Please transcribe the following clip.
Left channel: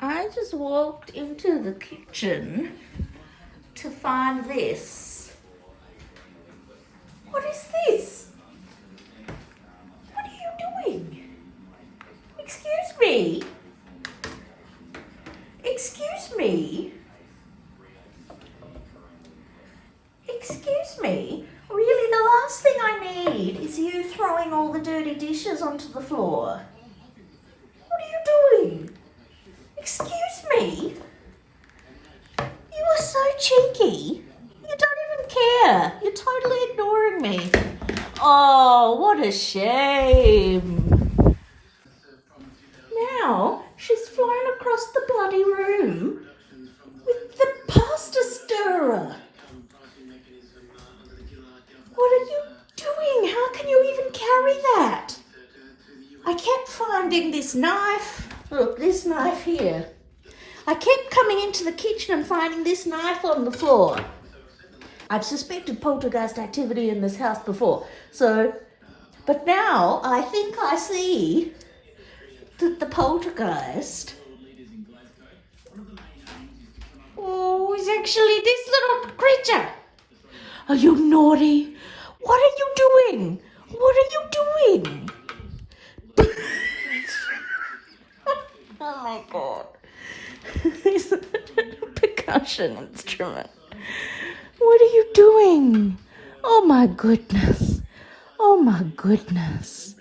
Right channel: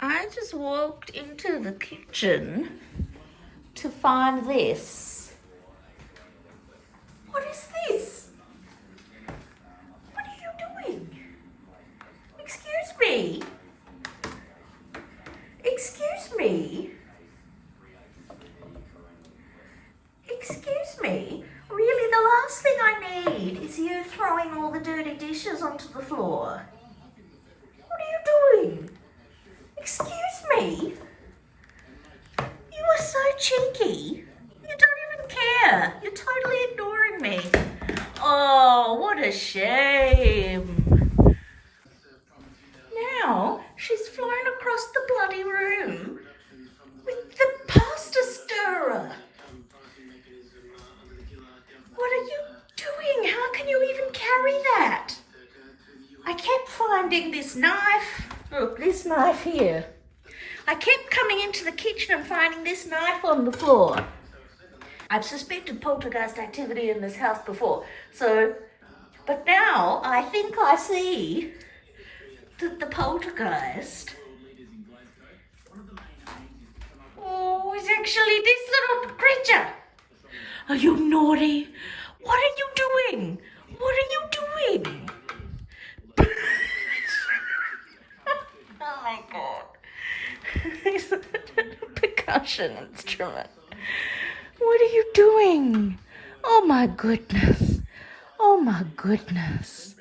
I just walked into the kitchen to find this. What is this? What are you doing? Excuse me? Excuse me? Excuse me? Really, the last thing I need is you throwing all the dirty dishes onto the floor. What are you doing? Excuse me? You are so cheeky. You don't even care. You're totally ignoring me. Oh, what a shame. Now she's flown across the bloody room with the pasta stirrer. What are you doing? How can you even carry that? I kept finding this knife. Look, this knife here. I kept coming into the kitchen and finding this knife on the floor. I've suspected poltergeist activity in this house before. But now I think I see that the poltergeist is actually this little creature. Are you naughty? What are you doing? What are you doing? Oh my God. It's a percussion instrument. What are you doing? Oh my goodness. Oh my goodness.